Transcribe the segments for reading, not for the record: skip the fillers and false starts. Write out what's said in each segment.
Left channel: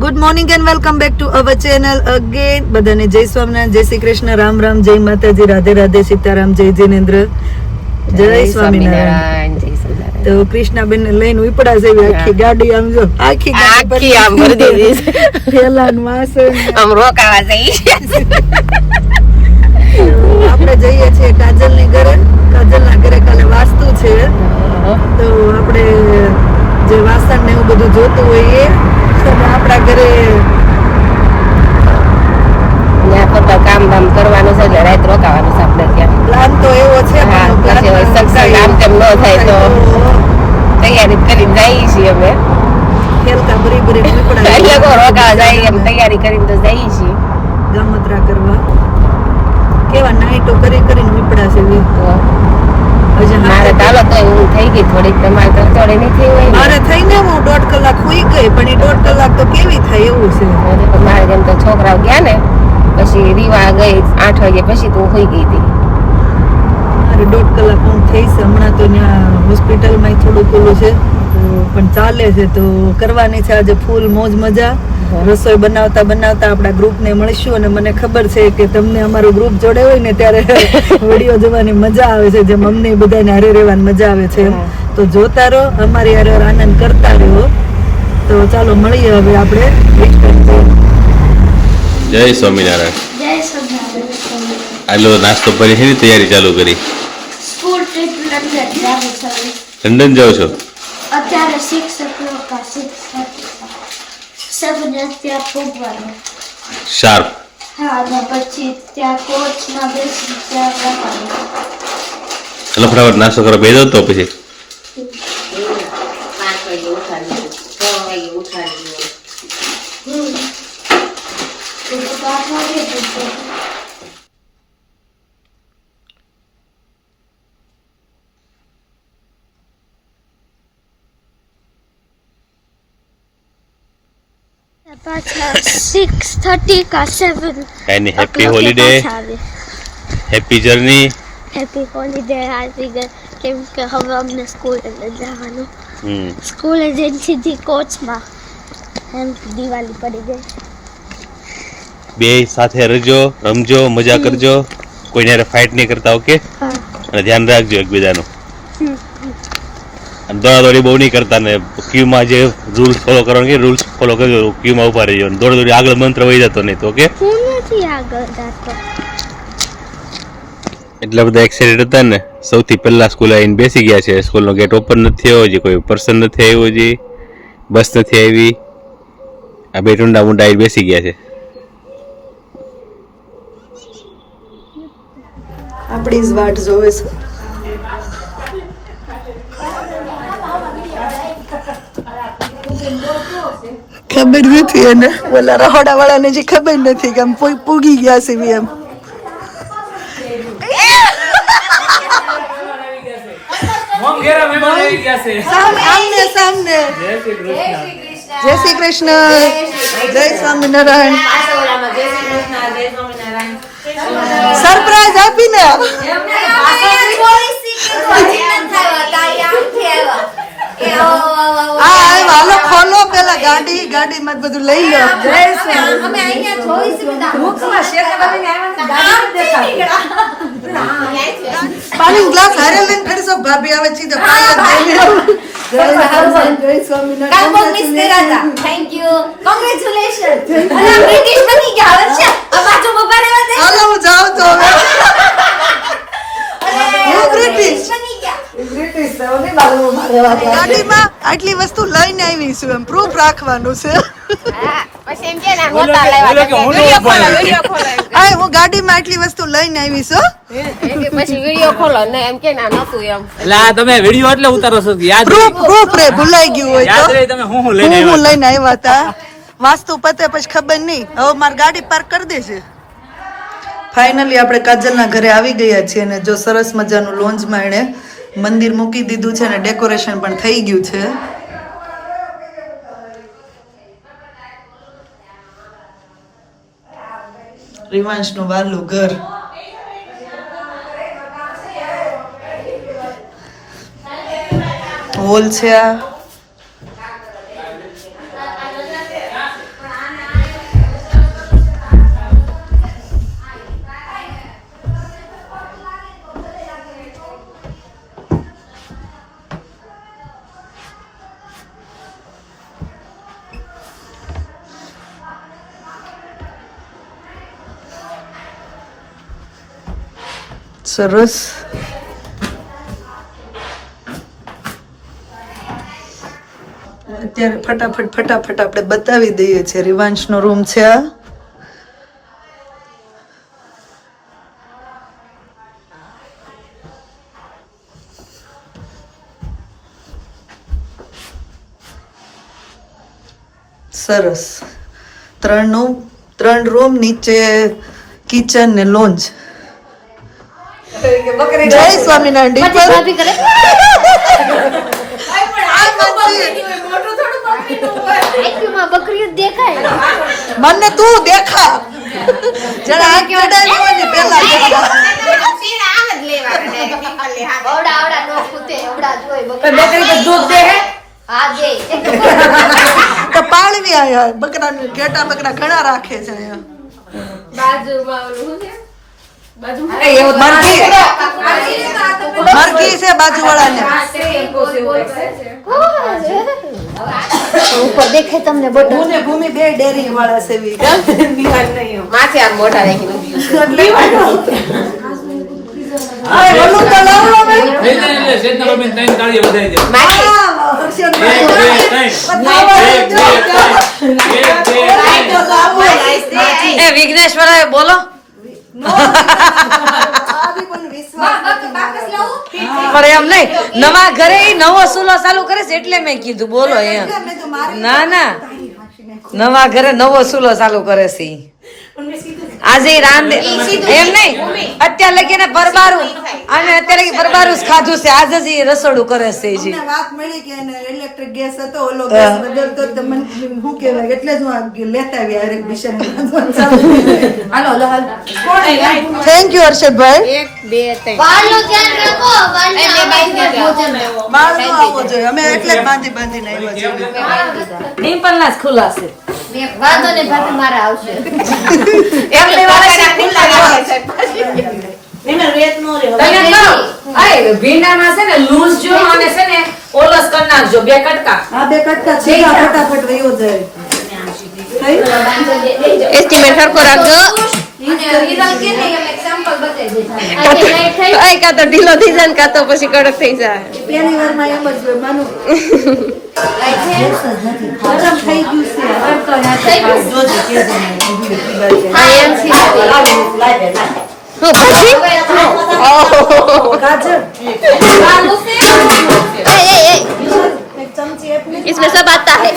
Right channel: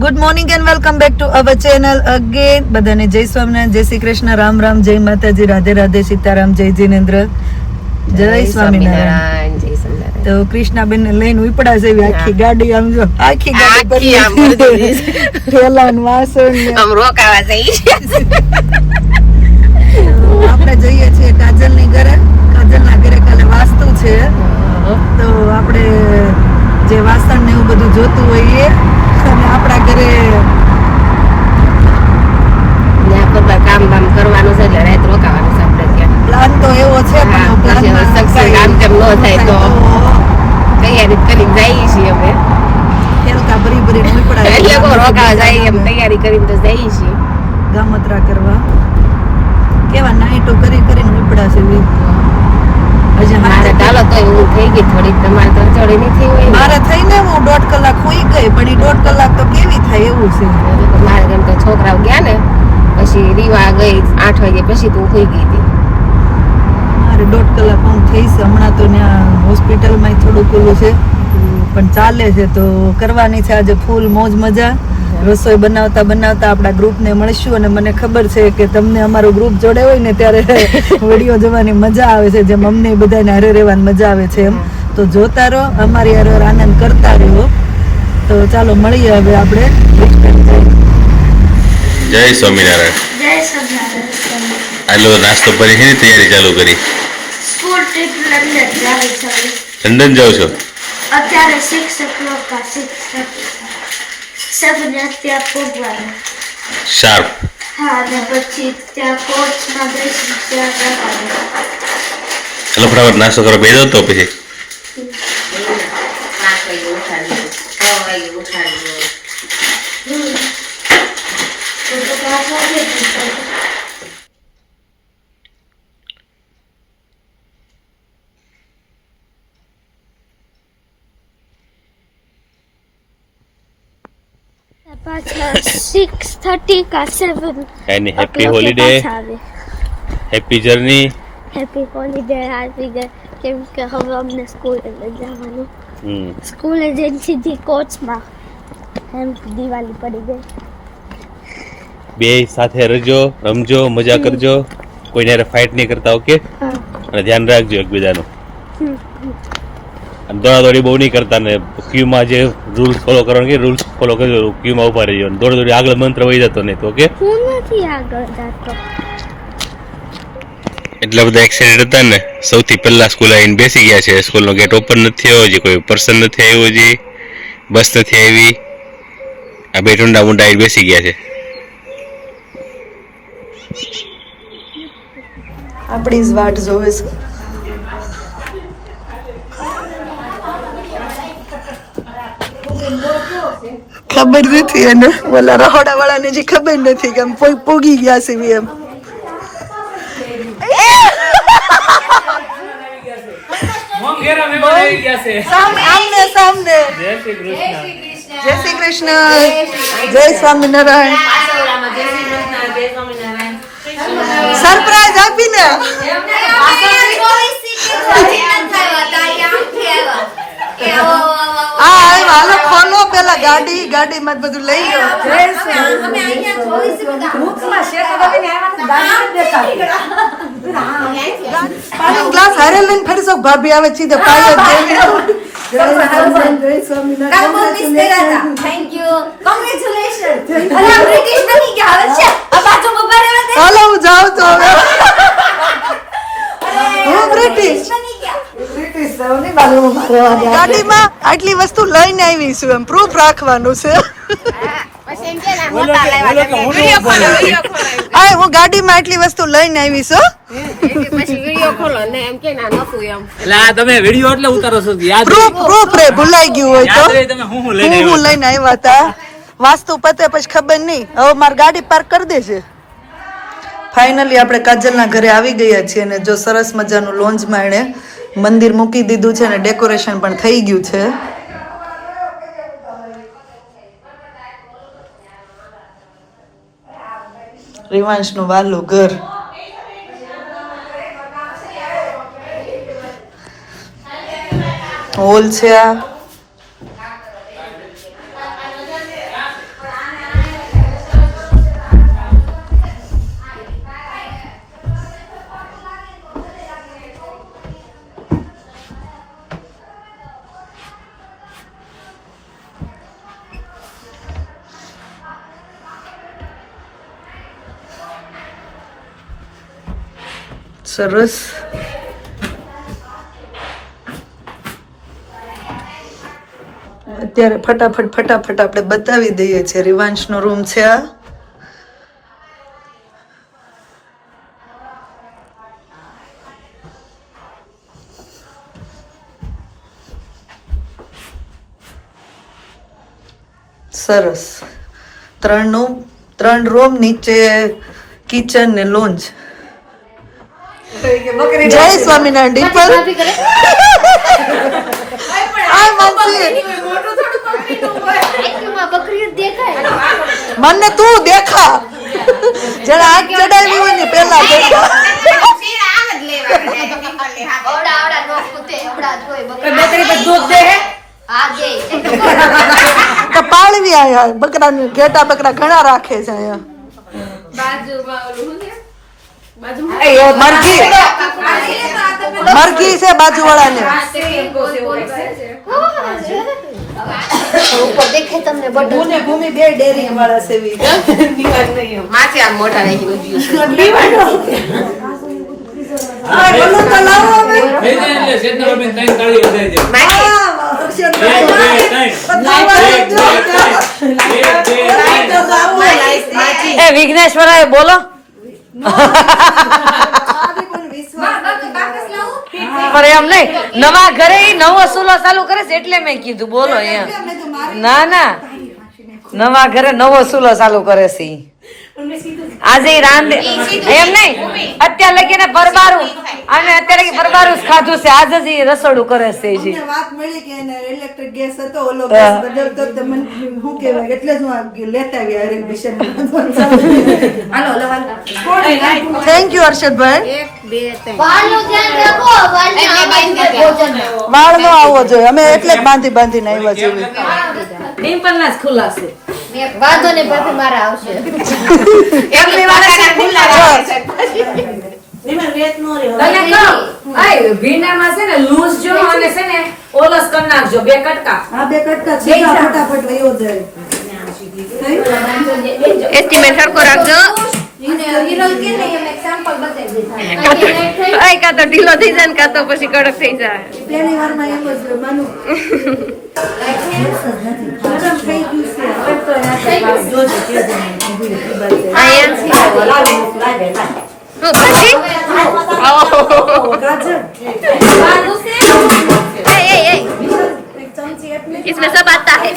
Good morning and welcome back to our channel again. બધાને જય સ્વામિનારાયણ, જય શ્રી કૃષ્ણ, રામ રામ, જય માતાજી, રાધે રાધે, સીતારામ, જય જીનેન્દ્ર, જય સ્વામિનારાયણ. તો કૃષ્ણાબેન ને લઈને ઉપડા છે આખી ગાડી, આમ જો આખી ગાડી આમ ભરી દેવી થેલાન વાસણ આમ રોકાવા જઈ. આપણે જઈએ છીએ કાજલ ની ઘરે. કાજલ ના ઘરે કાલે વાસ્તુ છે, તો આપણે જે વાસણ ને એવું બધું જોતું હોય એ આપણા ઘરે કામ બામ કરવાનું છે, રાત રોકાવાનું છે. આપણે ત્યાં પ્લાન તો એવો છે, પણ પ્લાનમાં આમ તેમ ન થાય તો તૈયારી કરી જઈએ છીએ અમે. ખેલકા ભરી ભરી નીકળ્યા એટલે રોકાવા જઈએ એમ તૈયારી કરીને તો જઈએ છીએ ગામત્રા કરવા. કેવા નાઈટો કરી કરીને નીકળ્યા છે. હજી મારે ચાલો તો એવું થઈ ગઈ થોડીક. તમારે તો થોડી નથી હોય. મારે થઈને હું 1.5 કલાક સુઈ ગઈ, પણ એ 1.5 કલાક તો કેવી થાય એવું છે. મારે જેમ તો છોકરાઓ ગયા ને પછી રીવા ગઈ 8 વાગે પછી તો સુઈ ગઈ હતી. મારે 1.5 કલાક આમ થઈ છે. હમણાં તો ત્યાં હોસ્પિટલમાં થોડુંક ઓલું છે, પણ ચાલે છે. તો કરવાની છે આજે ફૂલ મોજ મજા. રસોઈ બનાવતા બનાવતા આપણા ગ્રુપને મળીશું. અને મને ખબર છે કે તમને અમારો ગ્રુપ જોડે હોય ને ત્યારે વિડીયો જોવાની મજા આવે છે, જેમ અમને બધાને હારે રહેવાની મજા આવે છે એમ. તો જોતા રહો, અમારી હારે આનંદ કરતા રહો. તો ચાલો મળીએ હવે આપણે. જય સ્વામિનારાયણ. જય સ્વામિનારાયણ. આલો નાસ્તો કરી છે, તૈયારી ચાલુ કરી. સ્કૂલ ટ્રીપ લંડન જાય છે. લંડન જાવ છો? અત્યારે 6 o'clock 7 ત્યાં પહોંચવાનું. શાર્પ. હા, અને પછી ત્યાં કોચમાં બેસી ત્યાં જવાનું. એટલે ફટાફટ નાસ્તો કરો બેસો તો પછી 5 વાગે ઉઠાડી 6 વાગે ઉઠાડી. તો 5 વાગે પાછા 6:30 કા 7. એની happy holiday, happy journey. Happy holiday આવી ગઈ, કેમ કે હવે અમને સ્કૂલે જવાનું. સ્કૂલે જઈને સીધી કોચમાં એમ દિવાળી પડી ગઈ. બે સાથે રહેજો, રમજો, મજા કરજો, કોઈને હારે ફાઇટ નહીં કરતા. ઓકે? અને ધ્યાન રાખજો એકબીજાનું. અને દોડાદોડી બહુ નહીં કરતા. ને ક્યુમાં જે રૂલ્સ ફોલો કરવાનું કે રૂલ્સ ફોલો કરજો. ક્યુમાં ઉભા રહીજો. દોડાદોડી આગળ મંત્ર વહી જતો નહીં તો. ઓકે? હું નથી આગળ જતો. એટલા બધા એક્સાઇટેડ હતા ને, સૌથી પહેલા સ્કૂલ આવીને બેસી ગયા છે. સ્કૂલનો ગેટ ઓપન નથી થયો હજી, કોઈ પર્સન નથી આવ્યું હજી, બસ નથી આવી. આ બે ટુંડા મુંડા આવી બેસી ગયા છે. આપણી જ વાટ જોવે છે. ખબર નથી એને, ઓલા રહોડા વાળાને જે ખબર નથી કે આમ પૂગી ગયા છે એમ. સામને સામને. જય શ્રી કૃષ્ણ, જય સ્વામિનારાયણ. સરપ્રાઈઝ આપીને હાલો ખોલો પેલા ગાડીમાં બધું લઈ લો. પાણી ગ્લાસ હારે લઈને ફરી સૌ ભાભી આવે છે તો પાય જ દે. જય સ્વામિનારાયણ. Thank you, congratulation. અલા બ્રિટિશ બની ગયા હવે છે. આ બાજુ ઉભા રહેવા દે. હાલો હું જાઉં તો હવે. હું બ્રિટિશ ગાડીમાં આટલી વસ્તુ લઈને આવી છું, એમ પ્રૂફ રાખવાનું છે. હું ગાડીમાં આટલી વસ્તુ લઈને આવી છું. પછી વિડિયો ખોલો ને એમ કે ના નતું એમ. એટલે આ તમે વિડિયો એટલે ઉતારો છો યાદ પ્રૂફ રે ભૂલાઈ ગયું હોય તો તમે હું લઈને આવ્યા હતા. વાસ્તુ પતે પછી ખબર નહીં. હવે મારી ગાડી પાર્ક કરી દેશે. ફાઇનલી આપણે કાજલના ઘરે આવી ગયા છીએ અને જો સરસ મજાનું લોન્જમાં એણે મંદિર મૂકી દીધું છે અને ડેકોરેશન પણ થઈ ગયું છે. રિવાંશનું વાલું ઘર. હોલ છે આ. સરસ. અત્યારે ફટાફટ આપણે બતાવી દઈએ છીએ. રિવાંશનો રૂમ છે આ. સરસ. 3 રૂમ, નીચે કિચન ને લોન્જ. જય સ્વામિનારાયણ. ડિમ્પલ મને તું દેખા જરા આંખ ચડાવી હોય ને પેલા દેખા. તો પાળવી આયા બકરા ઘેટા બકરા ઘણા રાખે છે અહીંયા. મરઘી છે બાજુવાળા ને. દેખે તમને બધું ભૂમિ બે ડેરી વાળા છે. માથે આમ મોઢા નાખી વિઘ્નેશ્વર બોલો. પણ એમ નહીં, નવા ઘરે નવો ચૂલો ચાલુ કરે છે એટલે મેં કીધું બોલો એમ. ના નવા ઘરે નવો ચૂલો ચાલુ કરે છે. આજે રાંધે એમ નહીં, અત્યારે લગીને પરબારું અને અત્યારે લગી પરબારું જ ખાધું છે. આજે જ રસોડું કરે છે. વાત મળી કે ઇલેક્ટ્રિક ગેસ હતો, ઓલો ગેસ બદલતો તો મને શું કહેવાય એટલે જ હું લેતા આવી હરેક વિષય. Thank you Harshadbhai. 1 2 3 વાળ નો આવવો જોઈએ, અમે એટલે જ બાંધીને આવ્યા છીએ. ડિમ્પલ ના જ ખુલ્લા છે. વાંધો ને ભાભી મારા આવશે. એમની વાળા ખુલ્લા રાખે ભીંડામાં છે ને લૂઝ જો અને છે ને ઓલસ કરી નાખજો 2 કટકા. આ 2 કટકા સીધા ફટાફટ વયો જાય. એસ્ટિમેટ સરખો રાખજો. કાં તો ઢીલો થઈ જાય ને કાં તો પછી કડક થઈ જાય. પહેલી વારમાં એમ જ હોય માનું. ગરમ થઈ इसमें सब आता है.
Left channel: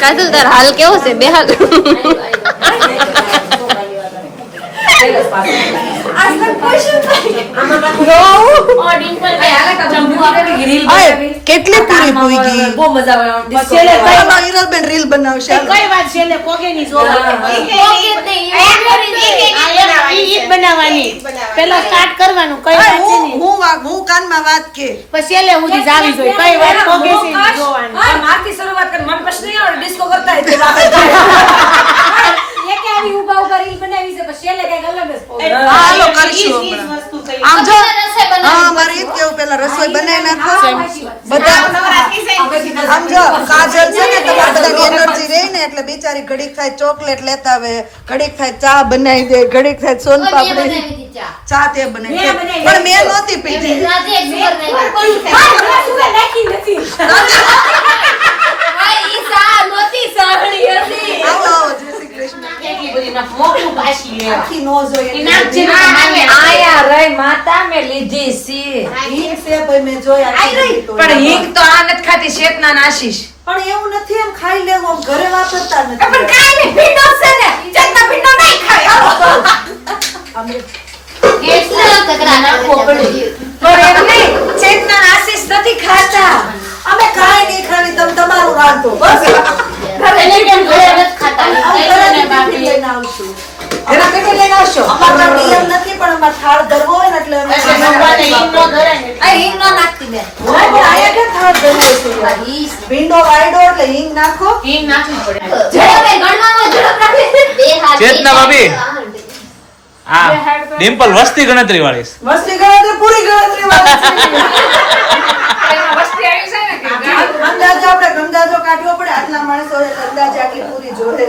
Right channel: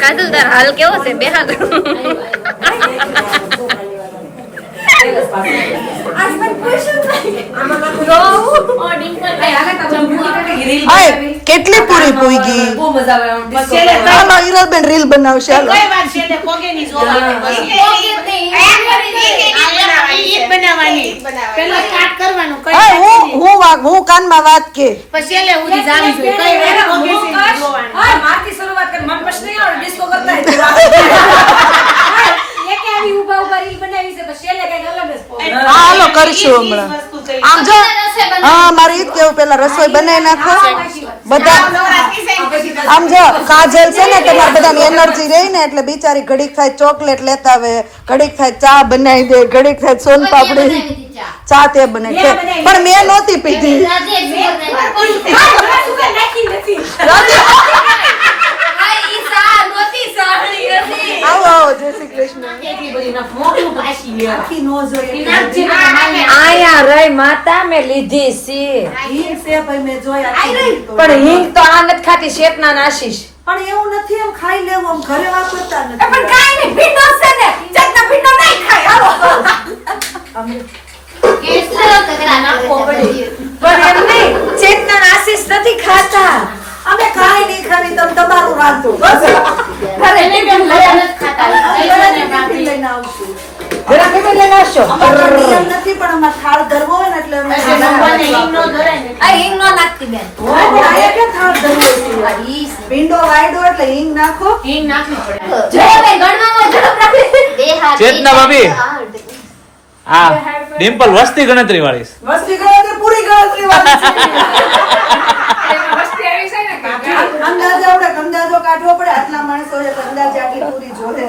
કાજલ તાર હાલ કેવો છે બેહાલ? કેટલી પૂરી પૂગી. હાલો હિરલબેન રીલ બનાવશે. હાલો હું કાનમાં વાત કે હાલો કરશું હમણાં. આમ જો હા મારે ઈ જ કેવું, પેલા રસોઈ બનાવી નાખો બધા. આમ જો કાજલ છે ને તમારે બધાની એનર્જી રહી ને એટલે બિચારી ઘડીક થાય ચોકલેટ લેતા આવે, ઘડીક થાય ચા બનાવી દે, ઘડીક થાય સોન પાપડી. ચા તે બનાવી છે પણ મેં નહોતી પીધી. આવો આવો જય શ્રી કૃષ્ણ. માતા મેં લીધી છે મેં જોયા પણ હિંગ તો આ નથી ખાતી. શેતના આશીષ પણ એવું નથી, એમ ખાઈ લેવું, આમ ઘરે વાપરતા નથી. પણ કાઈ નહીં, ભીંડો છે ને ચટના ભીંડો નહીં ખાય. પણ એમ નહીં, ચેતના આશીષ નથી ખાતા. અમે કાઈ નહીં ખાવી, તમે તમારું રાંધો બસ. ઘરે લઈને આવશું. જરા પેટી લઈને આવશો. અમારે નિયમ નથી પણ અમારે થાળ ધરવો હોય ને એટલે અમે હિંગ નો નાખતી બેન. આયા કે થાળ ધરવો છે. ભીંડો વાયડો એટલે હિંગ નાખો. ઝડપ ગણવામાં ઝડપ રાખે. ચેતના ભાભી. હા ડિમ્પલ વસ્તી ગણતરી વાળી. મસ્તી ગણતરી પૂરી ગણતરી અંદાજો આપણે અંદાજો કાઢવો પડે. આટલા માણસો છે તો અંદાજ આટલી પૂરી જોઈએ.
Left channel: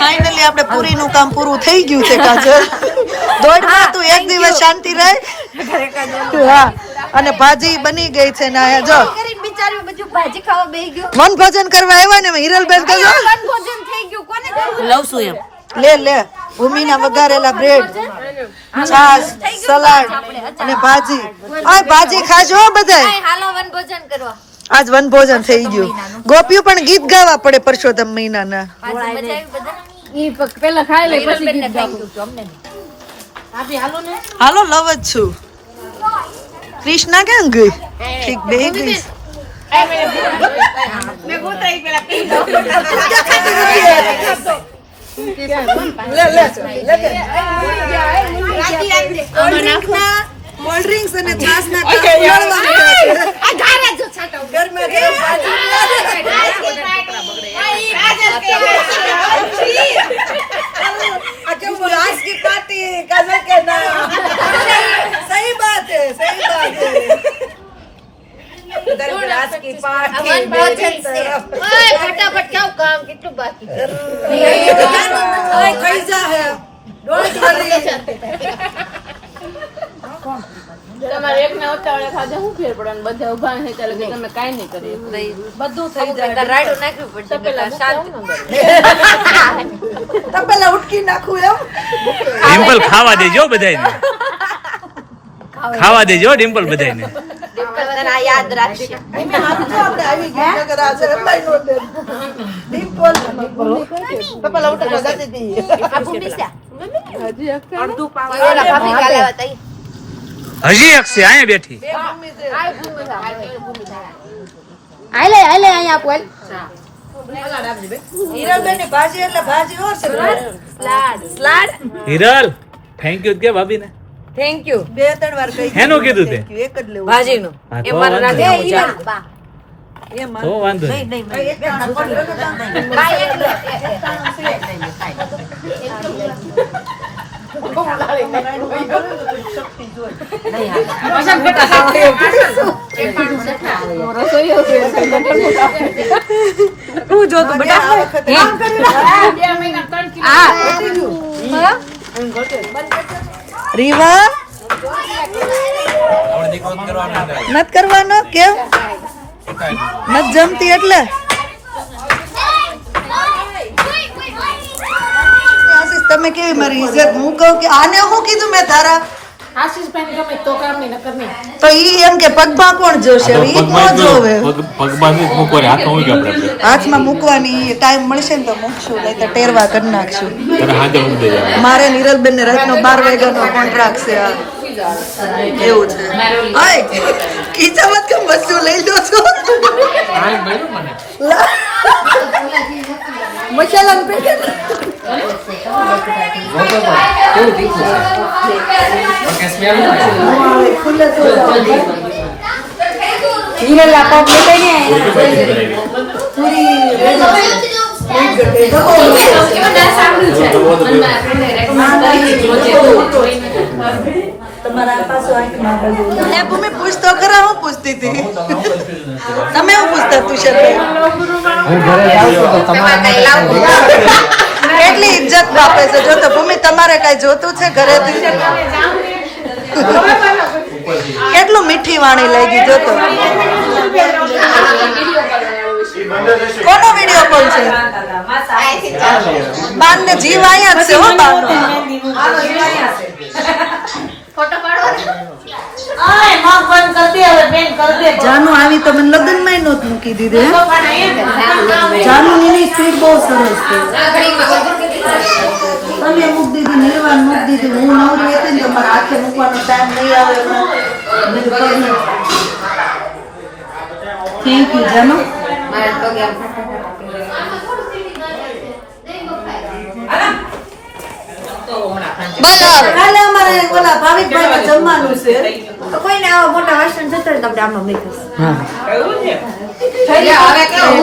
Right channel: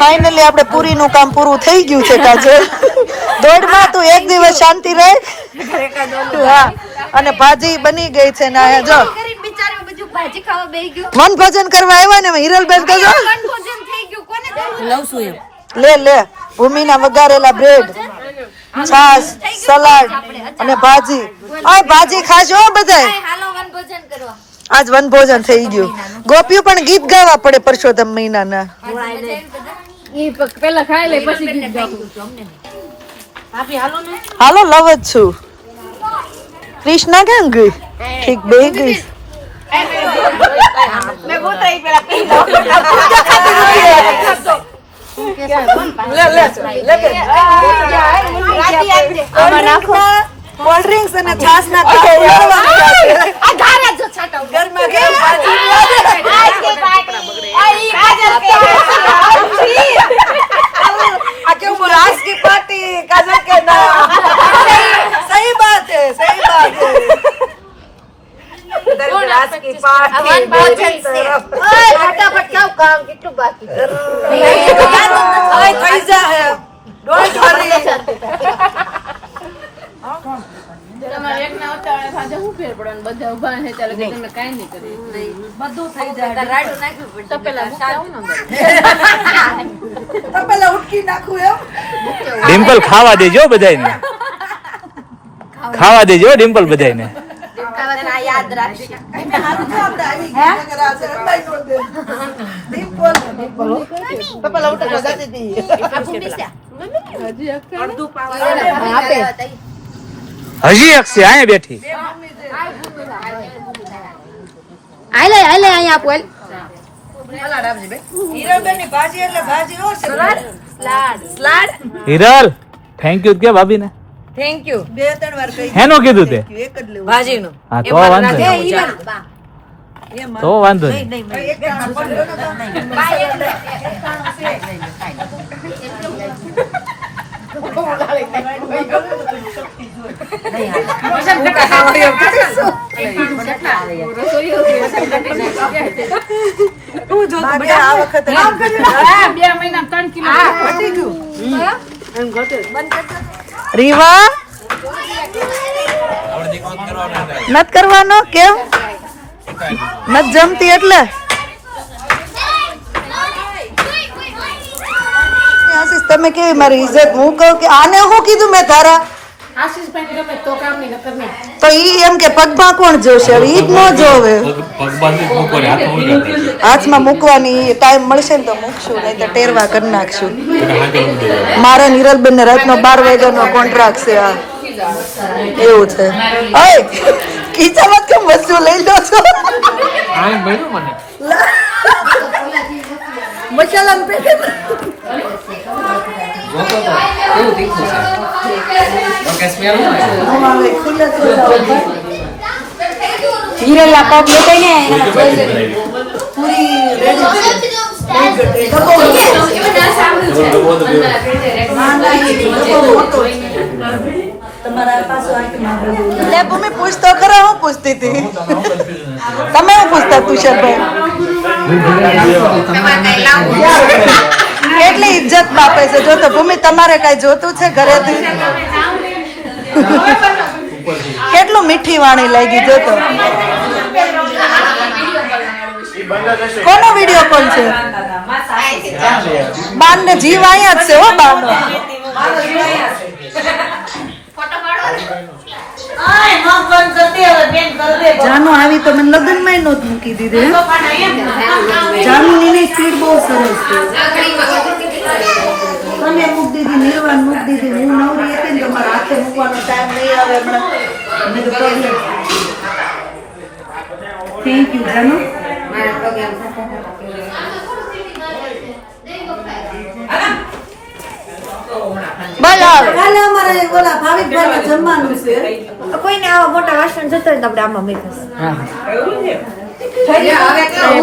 ફાઇનલી આપણે પૂરીનું કામ પૂરું થઈ ગયું છે કાજલ. દોડમાં તું એક દિવસ શાંતિ રહે. હા અને ભાજી બની ગઈ છે ને આ જો વન ભોજન કરવા આવ્યા ને હિરલબેન તો જો લઉં છું એમ લે લે ભૂમિના વઘારેલા બ્રેડ છાસ સલાડ અને ભાજી. આ ભાજી ખાજો બધાય. આજ વન ભોજન થઈ ગયું. ગોપીઓ પણ ગીત ગાવા પડે પરસોત્તમ મહિનાના. પેલા ખાઈ લે પછી ગીત ગાવું. હાલો લવ જ છું. ક્રિષ્ના કેમ ગઈ? ઠીક બે ગઈ. કોલ્ડ ડ્રિંક્સ અને છાસ ના કપ ઘરમાં क्यों बोला आज की पार्टी काजल के नाम. सही बात है आज की पार्टी फटाफट क्या काम कितनु बाकी થઈ જાય ડોન્ટ વરી. તમારે એક ના ઉતાવળે ખાધા હું ફેર પડે બધા ઉભા છે ચાલે કે તમે કાઈ નહીં કરી બધું થઈ જાય. રાડું નાખ્યું તો પેલા મૂકાવું ને તો પેલા ઉટકી નાખું એમ. ડિમ્પલ ખાવા દેજો બધાને. ખાવા દેજો ડિમ્પલ બધાને. યાદ રાખશે આપણે આવી ગયા કે રાજ લઈ નો દે. ડિમ્પલ તો પેલા ઉટકી જતી હતી. આ ભૂમિસા અડધું પાવ ઓલા ભાભી કાલે હતા હજી એક છે અહીંયા બેઠી. આલે અહીંયા આપો હીરાબેનની ભાજી એટલે ભાજી નો છે. સ્લાડ હિરલ થેન્ક યુ કે ભાભીને. થેન્ક યુ બે ત્રણ વાર કહી હેનું કીધું તે? એક જ લેવું. ભાજીનું હા, એ તો મારે વાંધો નથી નહીં. આવું ચા. તો વાંધો નહીં. એક દાણા પડ્યો રીવા નત કરવાનો કેમ નત જમતી એટલે આશીષ તમે કેવી મારી ઇજ્જત હું કહું કે આને હું કીધું મેં તારા તો ઈ એમ કે પગમાં કોણ જોશે હવે ઈ જ ન જોવે હાથમાં મૂકવાની ટાઈમ મળશે ને તો મૂકશું નહીં તો ટેરવા કરી નાખશું મારે નિરલબેન ને રાતનો 12 વાગ્યાનો કોન્ટ્રાક્ટ છે આ એવું છે ઓય ખીચામાં કેમ વસ્તુ લઈ લો છો મસાલા પેકે કેવું તીખું છે ઓકે સ્મેલ ન આવે ખુલ્લે તો હીરા લાપા કે કઈ પૂરી રેડી તમારા પાછો લે ભૂમિ પૂછ તો ખરા હું પૂછતી હતી તમે હું પૂછતા તુષારભાઈ કેટલી ઇજ્જત બાપે છે જો તો ભૂમિ તમારે કઈ જોતું છે ઘરેથી કેટલું મીઠી વાણી લાગી જો તો કોનો વિડિયો કોલ છે બાન ને જીવ અહીંયા જ છે હો બાનો જાનુ આવી તો મને લગ્ન માં નહોત મૂકી દીધી જાનુ ની સ્પીડ બહુ સરસ છે તમે મૂકી દીધી નિર્વાણ મૂકી દીધી હું નવરી હતી ને તમારા હાથે મૂકવાનો ટાઈમ નહીં આવે હમણાં થેન્ક યુ જાનુ કાલે અમારે ઓલા ભાવિકભાઈ જમવાનું છે કોઈને આવા મોટા વાસણ જતો ને આપણે આમાં મૂકીશું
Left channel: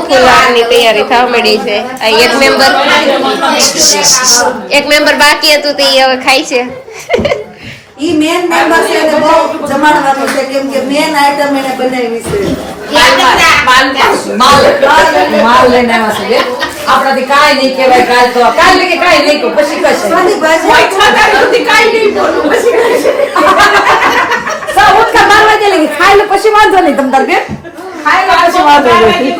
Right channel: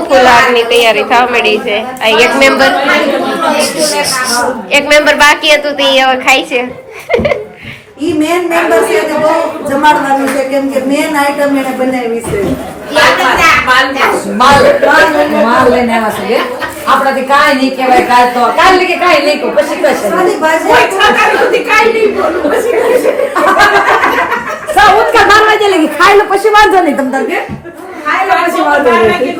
ફુલારની તૈયારી થવા મળી છે આ એક મેમ્બર બાકી હતું તે હવે ખાય છે ઈ મેન મેમ્બર છે એને બહુ જમાડવાનું છે કેમ કે મેન આઈટમ એને બનાવી છે માલ લઈને આવ્યા છે આપણાથી કાંઈ નહીં કહેવાય કાલ કે કાંઈ નહીં કહું પછી કશે આની ભાજી ઉઠકા 12 વાગે લગી ખાઈ લો પછી વાંધો નહીં તમ તાર બે ખાઈ લો પછી વાંધો નહીં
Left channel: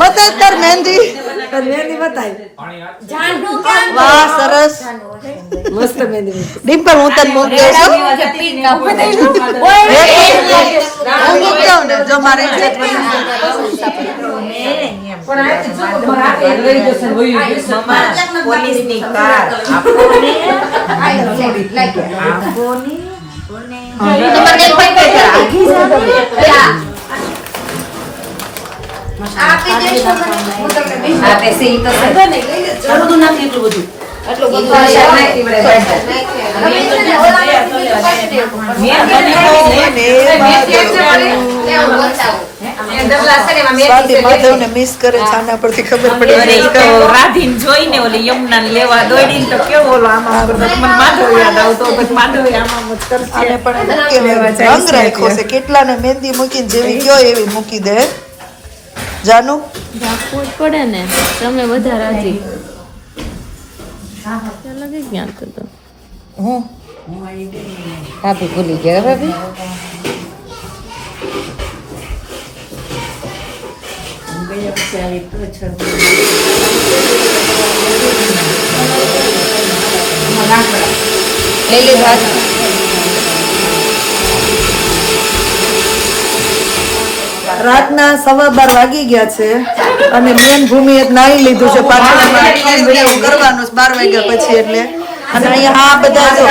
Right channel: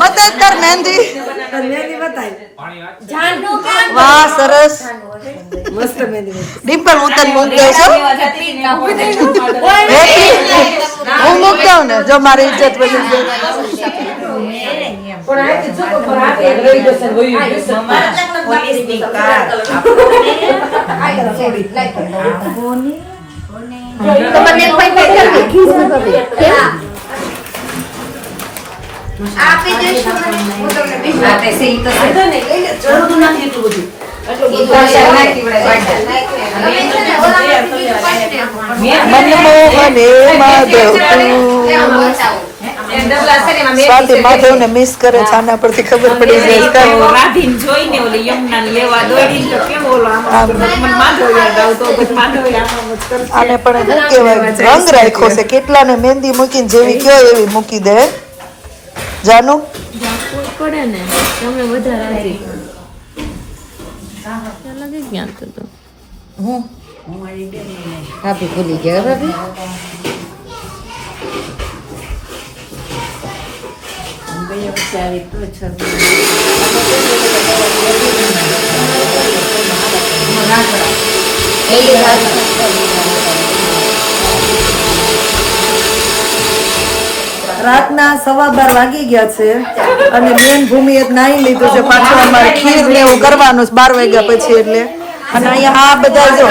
બતાય તાર મહેંદી વાહ સરસ ડિમ્પલ હું તને મૂકી દઉં હું મૂકી દઉં ને જો મારી ઇજ્જત બની પણ આ તો જો મારા એક લઈ જશે વયું માધવ ને મિસ કરે છે આના પરથી ખબર પડી જાય રાધીને જોઈને ઓલી યમુના લેવા દોડીને તો કેવો ઓલો આમાં મને માધવ યાદ આવતો પછી માધવ આમાં જ કરશે આને પણ શું કહેવાય રંગ રાખ્યો છે કેટલાને મહેંદી મૂકીને જેવી કયો એવી મૂકી દે જાનુ પડે ને તમને વધારે રાજી લગે ક્યાં તો ભાભી ભૂલી ગયા ભાભી રાતના 12:15 વાગી ગયા છે અને મેન ભૂમિએ નાઈ લીધું છે પાછું અમારે ખીર ને એવું કરવાનું છે 12 વાગ્યા પછી એટલે અને અહીંયા આ બધા જો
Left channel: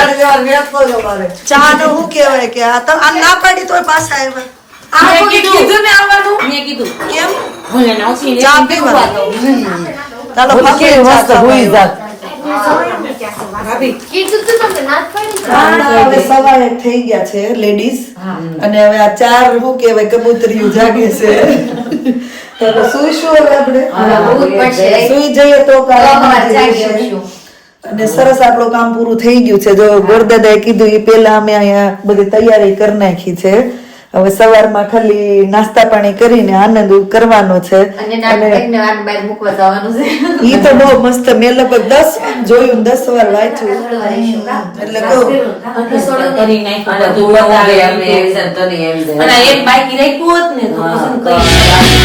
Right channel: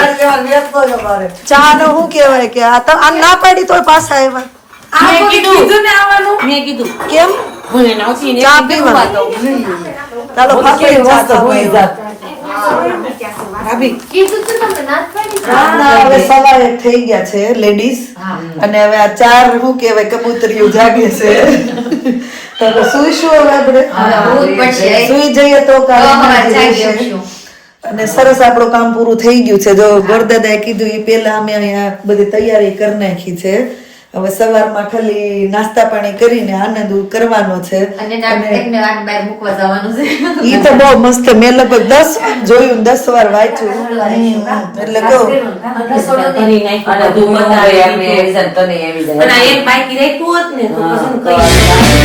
ચા નો શું કહેવાય કે આ તો આ ના પાડી તોય પાછા આવ્યા કીધું ને આવવાનું મેં કીધું કેમ હું એને આવતી ને ચા પીવા ચાલો ફાફડી ચા ખાવા હવે સવારે થઈ ગયા છે લેડીઝ અને હવે આ 4 શું કહેવાય કબૂતરીઓ જાગે છે તો સુઈશું હવે આપણે સુઈ જઈએ તો અને સરસ આપણું કામ પૂરું થઈ ગયું છે જો ગોરદાદાએ કીધું એ પેલા અમે અહીંયા બધી તૈયારી કરી નાખી છે હવે સવારમાં ખાલી નાસ્તા પાણી કરીને આનંદ કરવાનો છે ઈ તો બહુ મસ્ત મેં લગભગ 10 જોયું 10 વાર વાંચ્યું એટલે કહું અને એમ બાકી રાખ્યું હોત ને તો પસંદ કરી